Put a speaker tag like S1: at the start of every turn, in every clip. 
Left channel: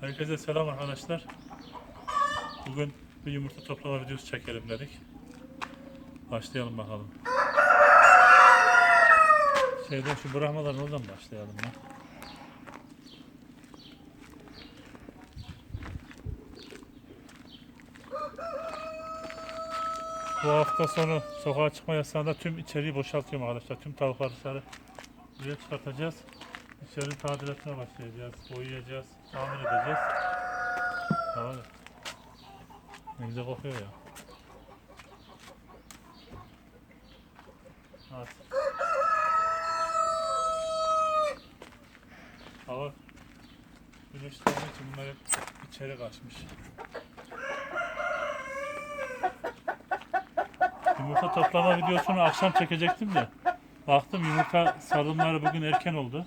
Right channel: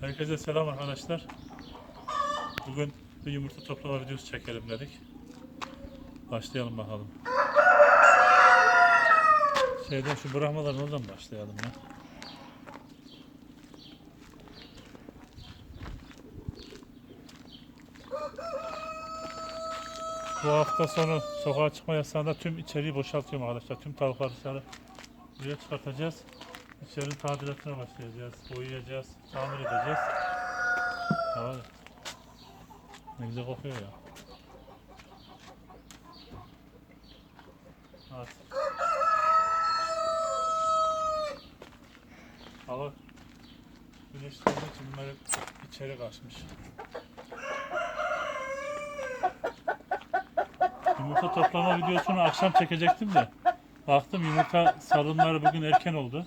S1: Herkese selam arkadaşlar. Bugün bir yumurta toplama videosu çekelim dedik. Başlayalım bakalım. Sevdim şu bırakmaların oradan başlayalım ya. Bu hafta sonu sokağa çıkma yasağında tüm içeriği boşaltıyorum arkadaşlar. Tüm tavukları dışarı buraya çıkartacağız. İçeri tadilatına başlayacağız. Boyayacağız. Tamir edeceğiz. Da. Ne güzel kokuyor ya. Evet. Hava gelmek için bunlar hep içeri kaçmış. Yumurta toplama videosunu akşam çekecektim de baktım yumurta sarımları bugün erken oldu.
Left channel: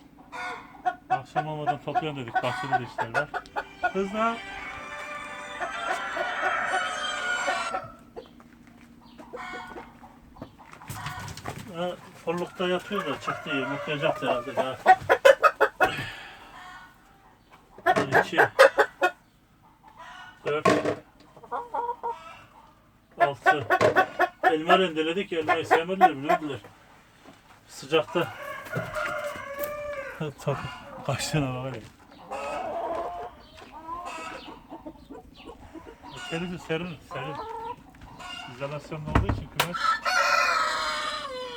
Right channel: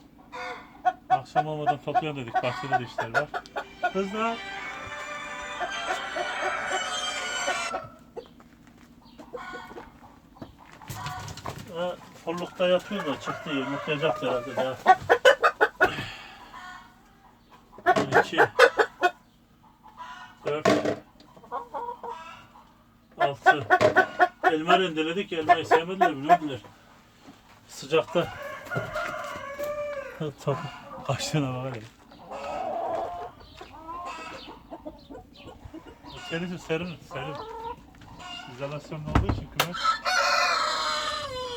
S1: Akşam olmadan toplayalım dedik. Bahçede de işler var. Kızlar. Ee, Forlukta yatıyor da çıktı yumurtlayacak herhalde daha. İki, dört, altı. Elma rendeledik. Elmayı sevmediler, bilmediler. Sıcakta. Tabii. Tane var ya. İçerisi serin, serin. İzolasyon olduğu için kümes.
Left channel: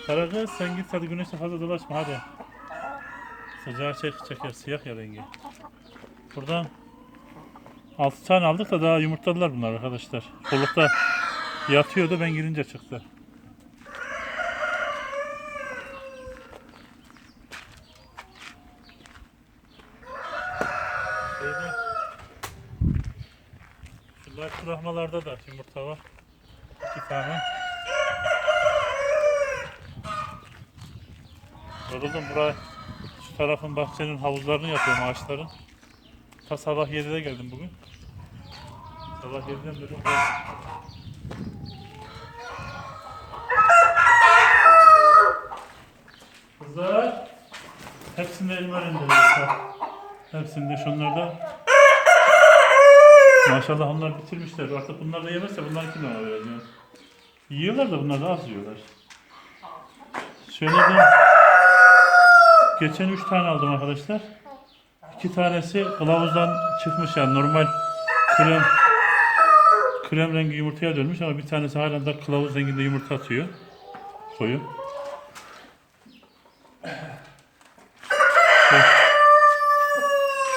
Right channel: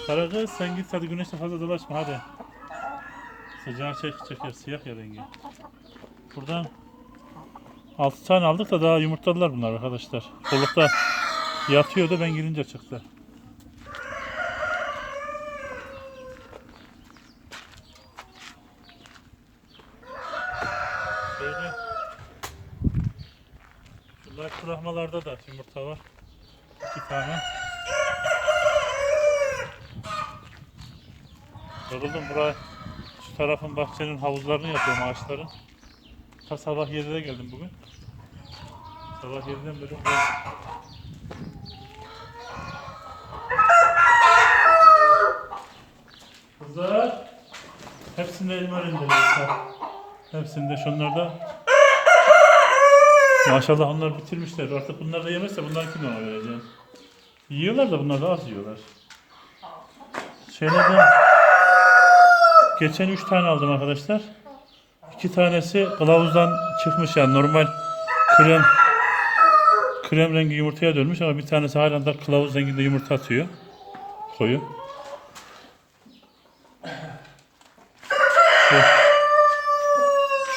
S1: Karagöz sen git hadi güneşte fazla dolaşma hadi. Sıcağı çek çeker siyah ya rengi. Buradan 6 tane aldık da daha yumurtladılar bunlar arkadaşlar. Kollukta yatıyordu ben girince çıktı. Böyle. Şunlar kurahmalarda da yumurta var. İki tane. Yoruldum buraya. Şu tarafın bahçenin havuzlarını yapıyorum ağaçların. Ta sabah 7'de geldim bugün. Sabah 7'den beri buraya. Kızlar. Hepsinde elma rendeliyoruz. Hepsinde şunlarda. Maşallah onlar bitirmişler. Artık bunlar da yemezse bunlar kim ona vereceğim. Yiyorlar da bunlar da az yiyorlar. Şeylerden geçen 3 tane aldım arkadaşlar. 2 tanesi kılavuzdan çıkmış yani normal krem krem rengi yumurtaya dönmüş ama bir tanesi hala da kılavuz renginde yumurta atıyor. Koyu. Şu,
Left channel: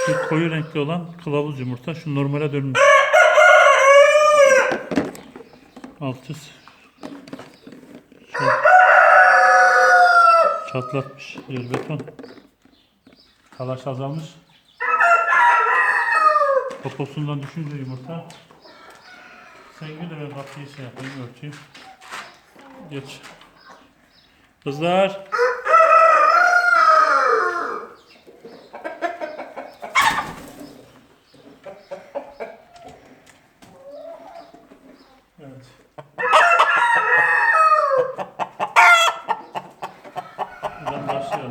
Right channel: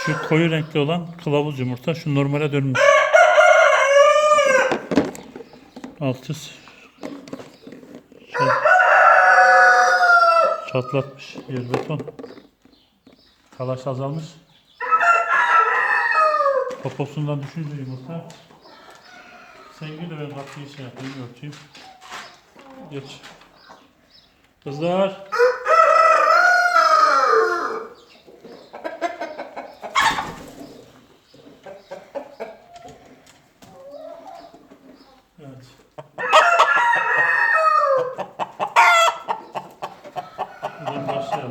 S1: şu koyu renkli olan kılavuz yumurta şu normale dönmüş. Altı şu- çatlatmış yer beton. Talaş azalmış. Poposundan düşünce yumurta. Sen gül de ben kapıyı şey yapayım örteyim. Geç. Kızlar.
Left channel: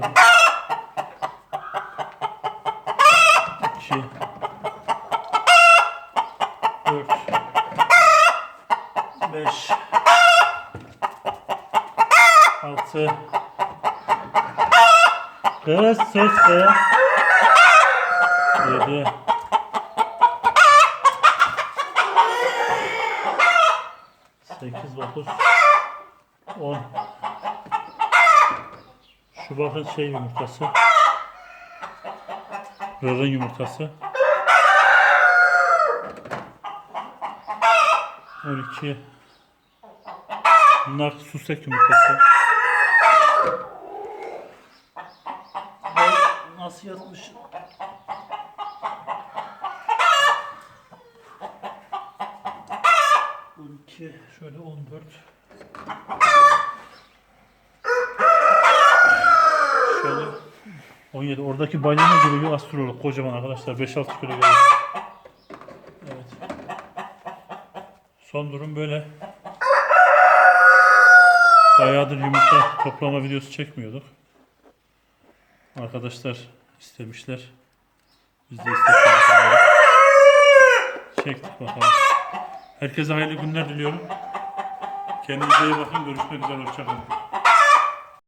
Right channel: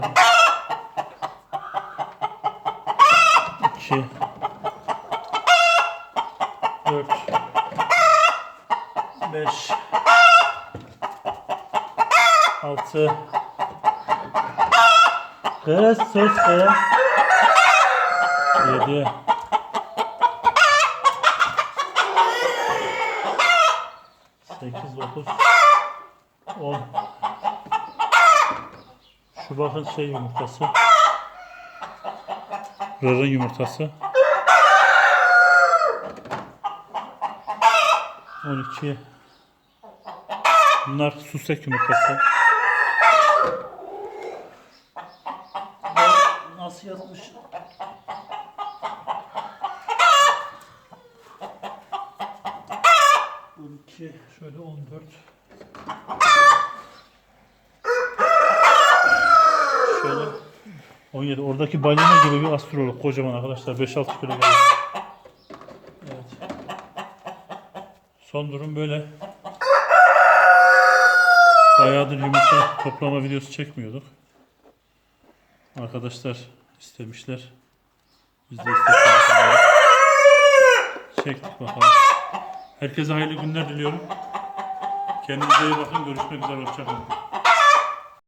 S1: 2 4 5 6 Kız sus kız. 7 8 9 10 şu bakın şey yumurtası. Rarın yumurtası. 12. Bunlar sustek yumurtası. Nasıl yazmış? On iki, şöyle on dört. Şöyle 17. Oradaki balina gibi bir astrolog kocaman arkadaşlar 5-6 kilo gelir. Evet. Son durum böyle. Bayağıdır yumurta toplama videosu çekmiyorduk. Arkadaşlar istemişler. Biz de istedik. Çektik bakalım. Herkese hayırlı günler diliyorum. Kendinize iyi bakın. Görüşmek üzere. Hoşçakalın.